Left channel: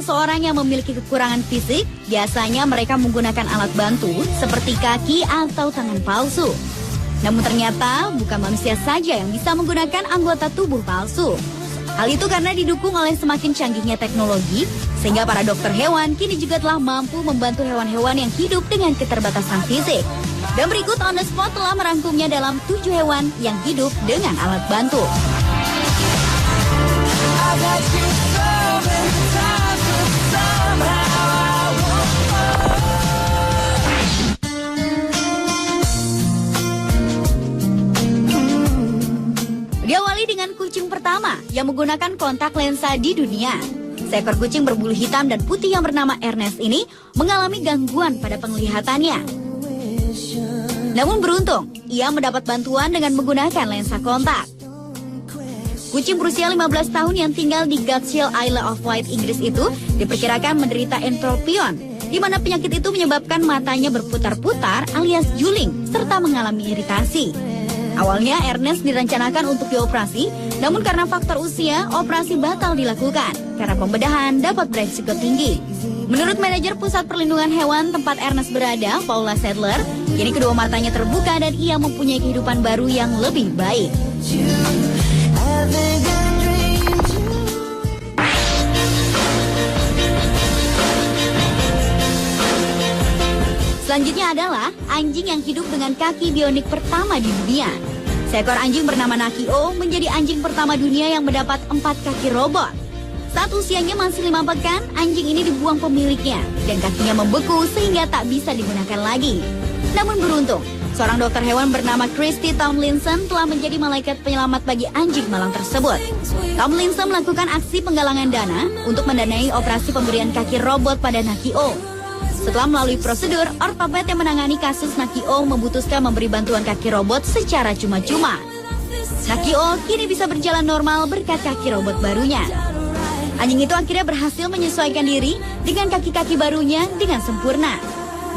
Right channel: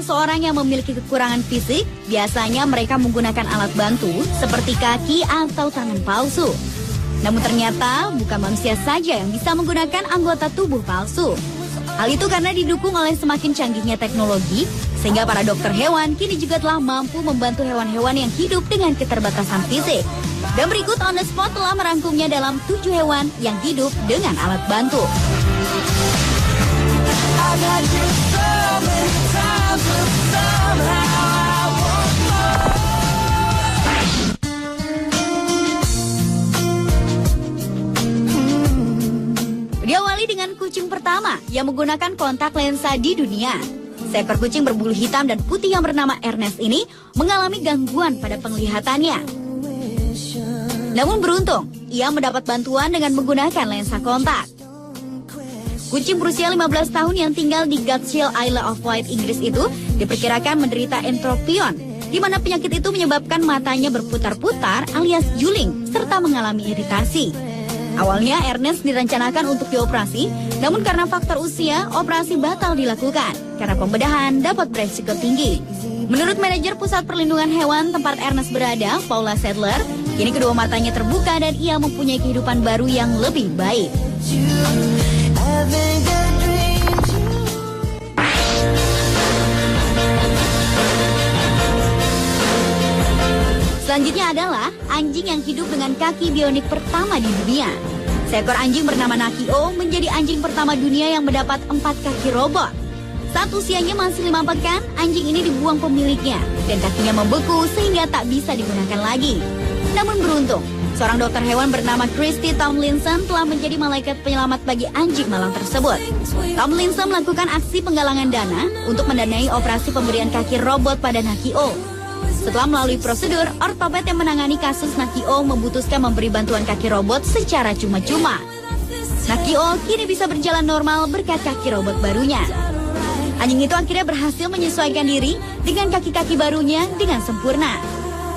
seseorang yang memiliki kekurangan fisik, biasanya mereka menggunakan alat bantu seperti kaki atau tangan palsu. Namun ternyata bukan manusia saja yang bisa menggunakan anggota tubuh palsu. Hal itu karena didukung oleh semakin canggihnya teknologi, sehingga para dokter hewan kini juga telah mampu membantu hewan-hewan yang hidup dengan keterbatasan fisik. Dan berikut On The Spot telah merangkumnya dalam 7 hewan yang hidup dengan alat bantu. Diawali dengan kucing pertama yang menggunakan kontak lensa di dunia. Seekor kucing berbulu hitam dan putih yang bernama Ernest ini mengalami gangguan pada penglihatannya. Namun beruntung, ia mendapat bantuan dengan menggunakan lensa kontak. Kucing berusia 15 tahun yang tinggal di Gatshill Isle of Wight, Inggris itu diperkirakan menderita entropion, di mana penyakit itu menyebabkan matanya berputar-putar alias juling serta mengalami iritasi. Awalnya Ernest direncanakan untuk dioperasi, namun karena faktor usia, operasi batal dilakukan karena pembedahan dapat beresiko tinggi. Menurut manajer Pusat Perlindungan Hewan tempat Ernest berada, Paula Sadler, kini kedua matanya terbuka dan ia mempunyai kehidupan baru yang lebih baik. Selanjutnya adalah anjing yang hidup dengan kaki bionik pertama di dunia. Seekor anjing bernama Nakio menjadi anjing pertama dunia yang mendapat 4 kaki robot. Saat usianya masih 5 pekan, anjing ini dibuang pemiliknya dan kakinya membeku sehingga tak bisa digunakan lagi. Namun beruntung, seorang dokter hewan bernama Christy Tomlinson telah menjadi malaikat penyelamat bagi anjing malang tersebut. Tomlinson melakukan aksi penggalangan dana untuk mendanai operasi pemberian kaki robot pada Nakio. Setelah melalui prosedur, ortoped yang menangani kasus Nakio memutuskan memberi bantuan kaki robot secara cuma-cuma. Nakio kini bisa berjalan normal berkat kaki robot barunya. Anjing itu akhirnya berhasil menyesuaikan diri dengan kaki-kaki barunya dengan sempurna.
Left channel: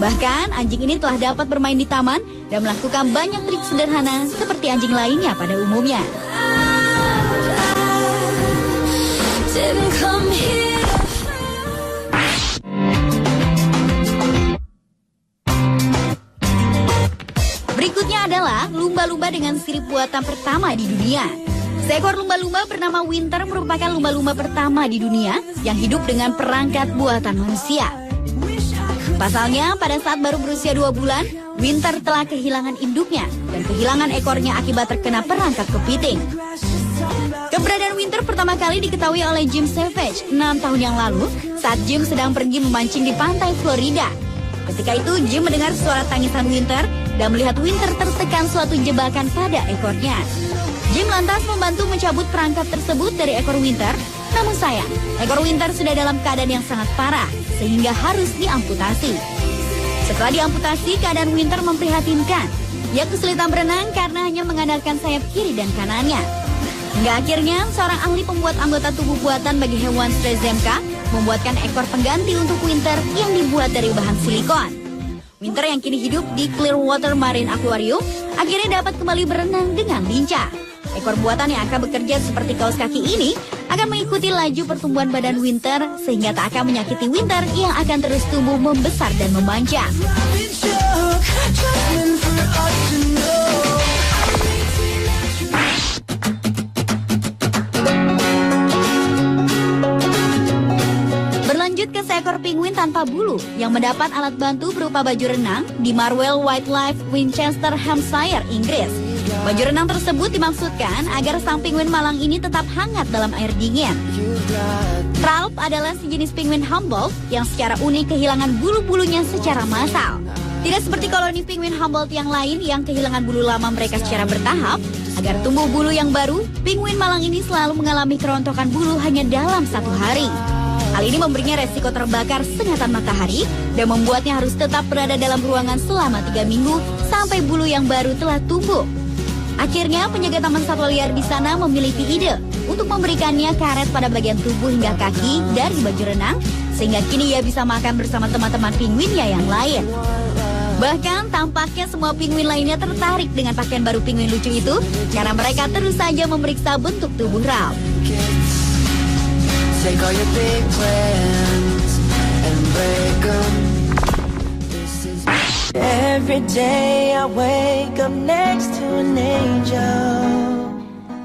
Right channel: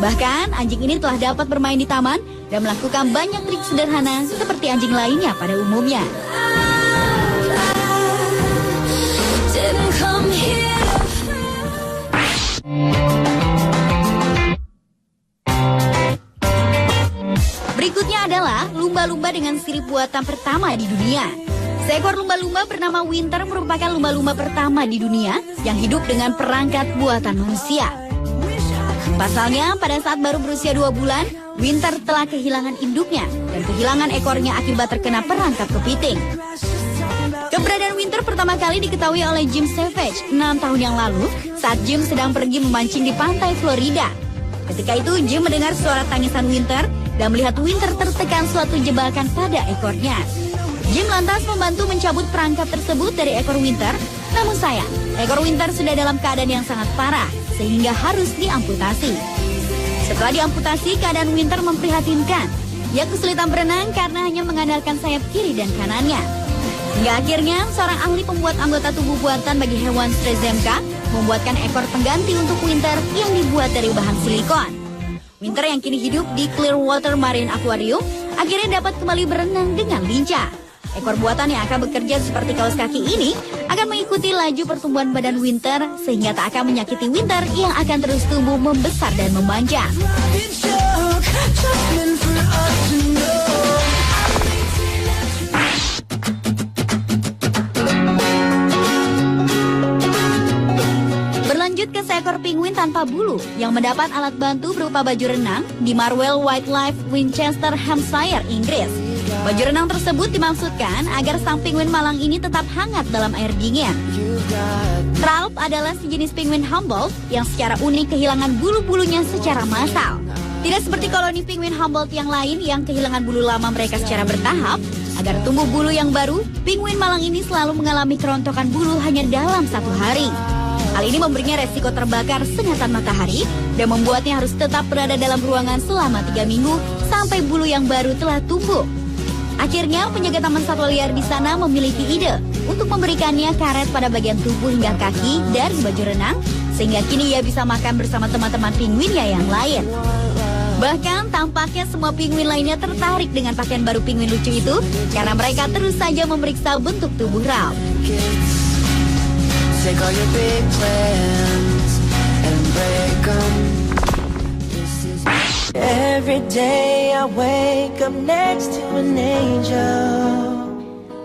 Bahkan anjing ini telah dapat bermain di taman dan melakukan banyak trik sederhana seperti anjing lainnya pada umumnya. Lumba-lumba dengan sirip buatan pertama di dunia. Seekor lumba-lumba bernama Winter merupakan lumba-lumba pertama di dunia yang hidup dengan perangkat buatan manusia. Pasalnya, pada saat baru berusia 2 bulan, Winter telah kehilangan induknya dan kehilangan ekornya akibat terkena perangkap kepiting. Keberadaan Winter pertama kali diketahui oleh Jim Savage 6 tahun yang lalu saat Jim sedang pergi memancing di pantai Florida. Ketika itu, Jim mendengar suara tangisan Winter dan melihat Winter tertekan suatu jebakan pada ekornya. Jim lantas membantu mencabut perangkap tersebut dari ekor Winter, namun sayang, ekor Winter sudah dalam keadaan yang sangat parah, sehingga harus diamputasi. Setelah diamputasi, keadaan Winter memprihatinkan. Ia kesulitan berenang karena hanya mengandalkan sayap kiri dan kanannya. Hingga akhirnya, seorang ahli pembuat anggota tubuh buatan bagi hewan STRZMK membuatkan ekor pengganti untuk Winter yang dibuat dari bahan silikon. Winter yang kini hidup di Clearwater Marine Aquarium akhirnya dapat kembali berenang dengan lincah. Ekor buatan yang akan bekerja seperti kaos kaki ini akan mengikuti laju pertumbuhan badan Winter sehingga tak akan menyakiti Winter yang akan terus tumbuh membesar dan memanjang. Berlanjut ke seekor penguin tanpa bulu yang mendapat alat bantu berupa baju renang di Marwell Wildlife, Winchester, Hampshire, Inggris. Baju renang tersebut dimaksudkan agar sang penguin malang ini tetap hangat dalam air dingin. Ralph adalah sejenis penguin Humboldt yang secara unik kehilangan bulu-bulunya secara massal. Tidak seperti koloni penguin Humboldt yang lain yang kehilangan bulu lama mereka secara bertahap. Agar tumbuh bulu yang baru, penguin malang ini selalu mengalami kerontokan bulu hanya dalam 1 hari. Hal ini memberinya resiko terbakar sengatan matahari dan membuatnya harus tetap berada dalam ruangan selama 3 minggu sampai bulu yang baru telah tumbuh. Akhirnya, penjaga taman satwa liar di sana memiliki ide untuk memberikannya karet pada bagian tubuh hingga kaki dari baju renang, sehingga kini ia bisa makan bersama teman-teman penguinnya yang lain. Bahkan tampaknya semua penguin lainnya tertarik dengan pakaian baru penguin lucu itu karena mereka terus saja memeriksa bentuk tubuh Ralph. Every day I wake up next to an angel.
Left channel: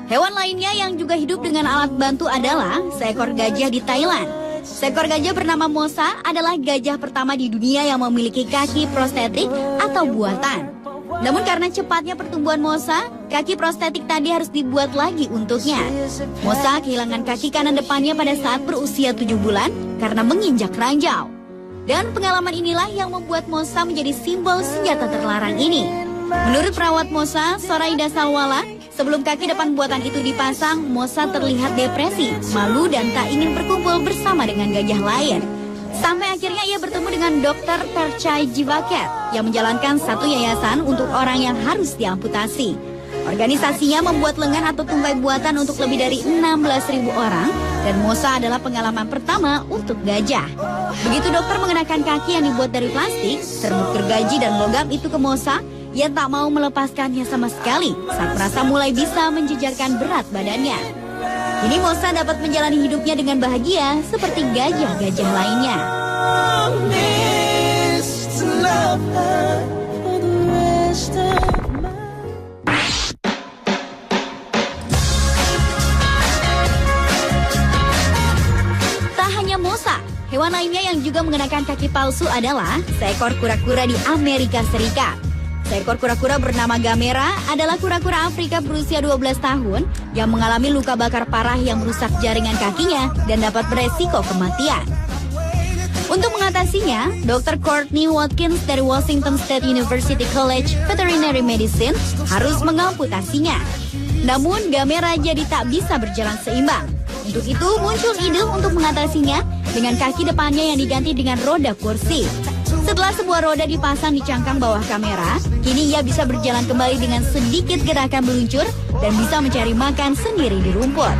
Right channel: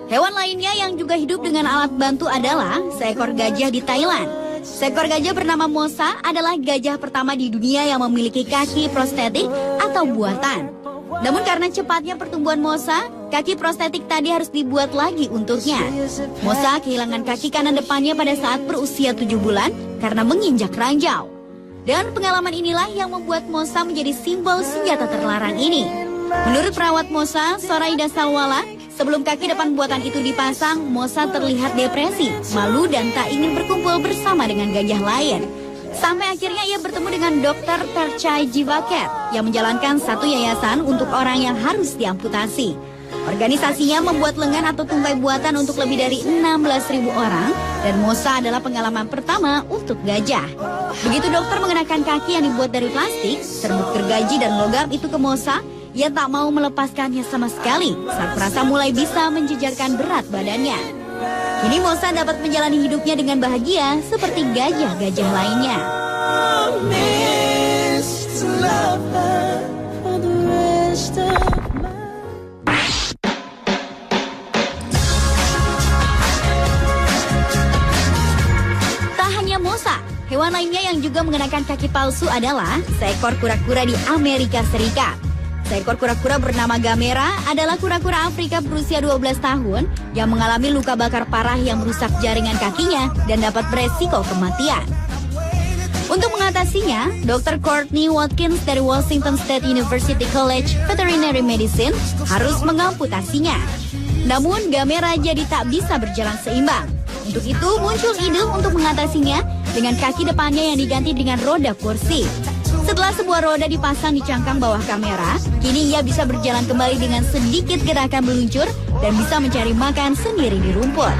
Hewan lainnya yang juga hidup dengan alat bantu adalah seekor gajah di Thailand. Seekor gajah bernama Mosa adalah gajah pertama di dunia yang memiliki kaki prostetik atau buatan. Namun karena cepatnya pertumbuhan Mosa, kaki prostetik tadi harus dibuat lagi untuknya. Mosa kehilangan kaki kanan depannya pada saat berusia 7 bulan karena menginjak ranjau. Dan pengalaman inilah yang membuat Mosa menjadi simbol senjata terlarang ini. Menurut perawat Mosa, Soraida Sawala, sebelum kaki depan buatan itu dipasang, Mosa terlihat depresi, malu dan tak ingin berkumpul bersama dengan gajah lain. Sampai akhirnya ia bertemu dengan Dr. Perchai Jivaket yang menjalankan satu yayasan untuk orang yang harus diamputasi. Organisasinya membuat lengan atau tungkai buatan untuk lebih dari 16.000 orang dan Mosa adalah pengalaman pertama untuk gajah. Begitu dokter mengenakan kaki yang dibuat dari plastik, serbuk gergaji dan logam itu ke Mosa, ia tak mau melepaskannya sama sekali saat merasa mulai bisa menjejarkan berat badannya. Kini Mosa dapat menjalani hidupnya dengan bahagia seperti gajah-gajah lainnya. Tak hanya Mosa, hewan lainnya yang juga mengenakan kaki palsu adalah seekor kura-kura di Amerika Serikat. Seekor kura-kura bernama Gamera adalah kura-kura Afrika berusia 12 tahun yang mengalami luka bakar parah yang merusak jaringan kakinya dan dapat beresiko kematian. Untuk mengatasinya, Dr. Courtney Watkins dari Washington State University College Veterinary Medicine harus mengamputasinya. Namun, Gamera jadi tak bisa berjalan seimbang. Untuk itu, muncul ide untuk mengatasinya dengan kaki depannya yang diganti dengan roda kursi. Setelah sebuah roda dipasang di cangkang bawah kamera, kini ia bisa berjalan kembali dengan sedikit gerakan meluncur dan bisa mencari makan sendiri di rumput.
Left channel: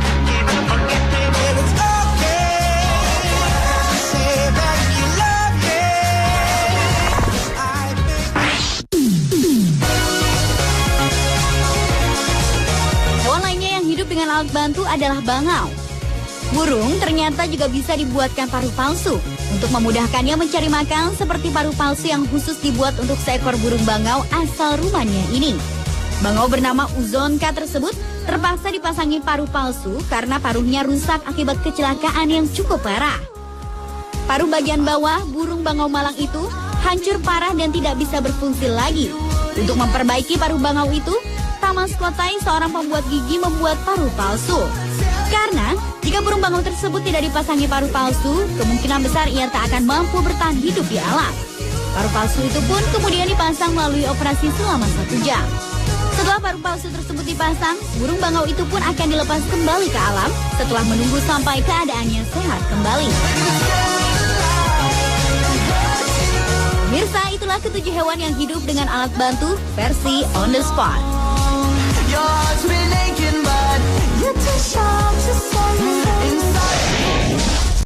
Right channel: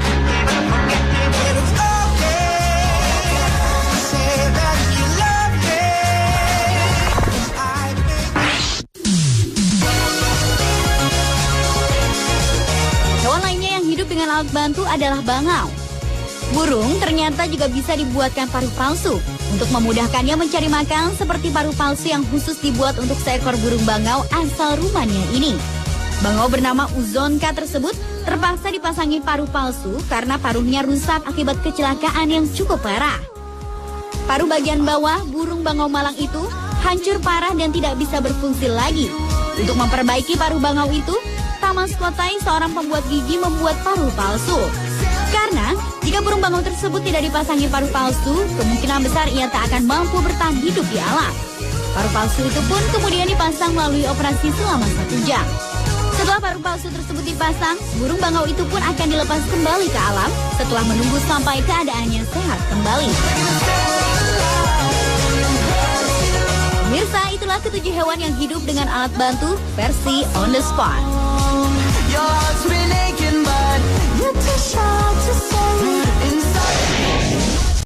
Hewan lainnya yang hidup dengan alat bantu adalah bangau. Burung ternyata juga bisa dibuatkan paruh palsu untuk memudahkannya mencari makan, seperti paruh palsu yang khusus dibuat untuk seekor burung bangau asal Rumania ini. Bangau bernama Uzonka tersebut terpaksa dipasangi paruh palsu karena paruhnya rusak akibat kecelakaan yang cukup parah. Paruh bagian bawah burung bangau malang itu hancur parah dan tidak bisa berfungsi lagi. Untuk memperbaiki paruh bangau itu, Thomas Kotai, seorang pembuat gigi, membuat paruh palsu. Karena jika burung bangau tersebut tidak dipasangi paruh palsu, kemungkinan besar ia tak akan mampu bertahan hidup di alam. Paruh palsu itu pun kemudian dipasang melalui operasi selama 1 jam. Setelah paruh palsu tersebut dipasang, burung bangau itu pun akan dilepas kembali ke alam setelah menunggu sampai keadaannya sehat kembali. Mirsa, itulah ke-7 hewan yang hidup dengan alat bantu versi on the spot. Yours with aching, but you're too strong to say.